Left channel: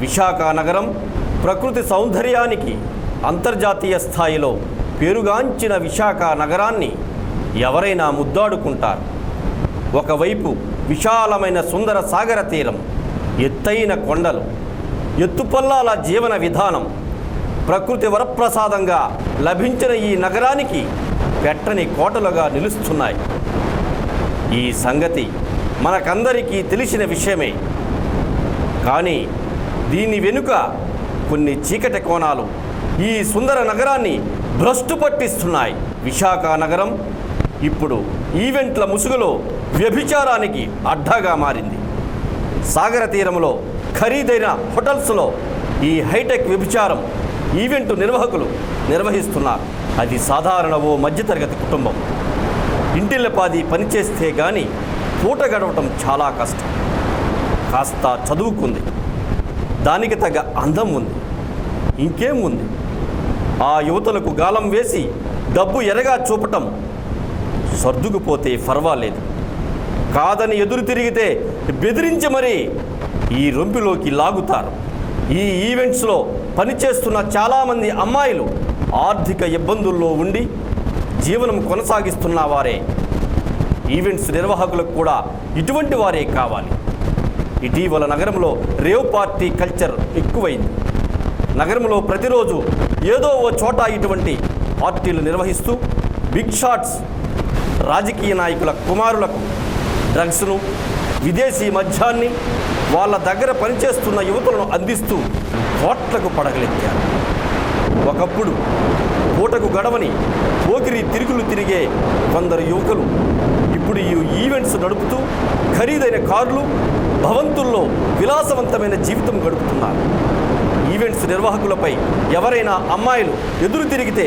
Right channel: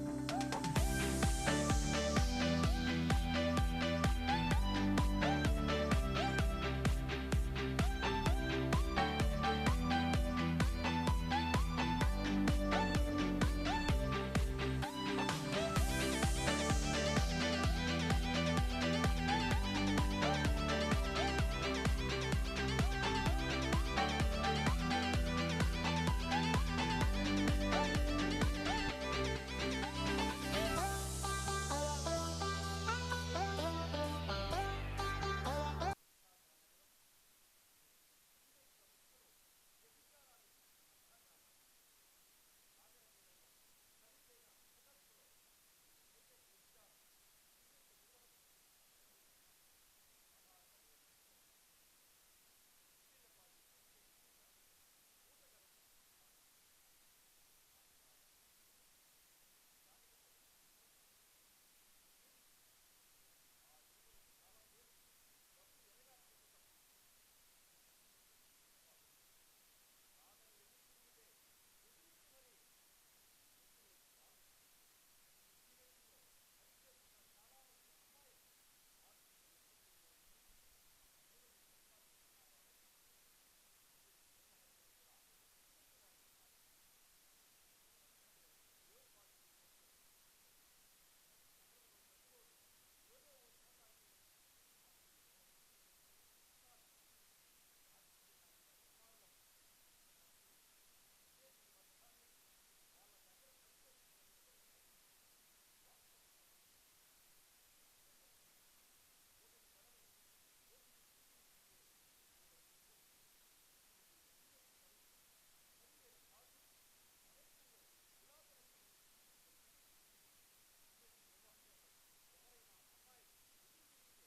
విశాఖ నగరం ప్రకృతి సౌందర్యానికి అంతర్జాతీయ స్థాయిలో పేరుగాంచిన విశాఖ నగరాన్ని ఎవరైనా ముద్దాడుకుంటారు. ఒకవైపు విశాలమైన సుందర సాగర తీరం ఎత్తైన కొండలు ఎత్తుపల్లాల జీవన విధానం ప్రకృతి వరప్రసాదంగా లభించిన ఈ నగరానికి పెట్టని కోటలుగా నిలుస్తున్నాయి. ఈ సంగతి మనకందరికీ తెలిసిన విషయమే. కానీ దీని వెనుక కొన్ని చీకటి కోణాలు ఈ సుందర నగరాన్ని భ్రష్టు పట్టిస్తున్నాయి. విశాఖ నగరం ఇప్పుడు ఈవెంట్ల ముసుగులో వ్యభిచారానికి అడ్డాగా మారింది. సాగర తీరంలో ఖరీదైన హోటల్స్లో ఈ హైటెక్ వ్యభిచారం ఈవెంట్ నిర్వాహకులు నిర్వహిస్తున్నారు. అది సాధారణ ఓ మధ్యతరగతి కుటుంబం. ఇంటిల్లపాది పనిచేస్తే కానీ పూట గడవటం చాలా కష్టం. కాస్త చదువుకుంది. దానికి తగ్గ అందం ఉంది. ఇంకేం ఉంది? ఆ యువతలకు గాలం వేసి డబ్బు ఎరగా చూపటం సర్దుకుపోతే పర్వాలేదు కాదని ఎదురు తిరిగితే బెదిరించి మరీ ఈ రొంపిలోకి లాగుతారు. ఈ ఈవెంట్స్లో పనిచేస్తున్న చాలామంది అమ్మాయిలు ఆర్థిక ఇబ్బందుల్లో ఉండి జీవనం కొనసాగిస్తున్న వారే. ఈవెంట్స్ నిర్వాహకులకు కూడా ఇటువంటి వారే కావాలి. ఇటీవల నగరంలో రేవ్ పార్టీ కల్చర్ ఎక్కువైంది. నగరంలో ప్రతిరోజు ఏదో ఓ చోట ఇటువంటి పార్టీలు నిర్వహిస్తూ బిగ్ షాట్స్ రాజకీయ నాయకుల కుమారులకు డ్రగ్స్ను విదేశీ మద్యాన్ని వాళ్ళ దగ్గర పనిచేస్తున్న యువతులను అందిస్తూ కోట్లకు పడగలెత్తారు. ఒకప్పుడు పూటకు గడవని పోకిరి తిరుగులు తిరిగే కొందరు యువకులు ఇప్పుడు ఈ ఈవెంట్స్ నడుపుతూ ఖరీదైన కార్లు భవంతుల్లో విలాసవంతమైన జీవితం గడుపుతున్నారు. ఈవెంట్స్ నిర్వాహకులపై ఎవరైనా అమ్మాయిలు ఎదురు తిరిగితే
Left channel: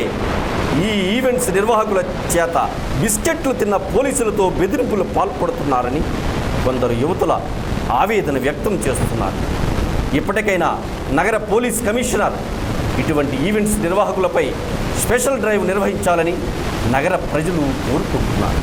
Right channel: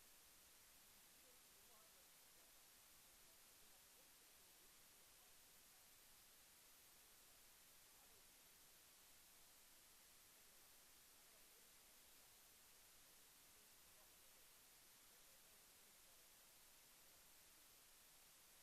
ఈ ఈవెంట్స్ నిర్వాహకుల చేత బిస్కెట్లు తిన్న పోలీసులతో బెదిరింపులు పాల్పడుతున్నారని కొందరు యువతుల ఆవేదన వ్యక్తం చేస్తున్నారు. ఇప్పటికైనా నగర పోలీస్ కమిషనర్ ఇటువంటి ఈవెంట్స్ నిర్వాహకులపై స్పెషల్ డ్రైవ్ నిర్వహించాలని నగర ప్రజలు కోరుకుంటున్నారు.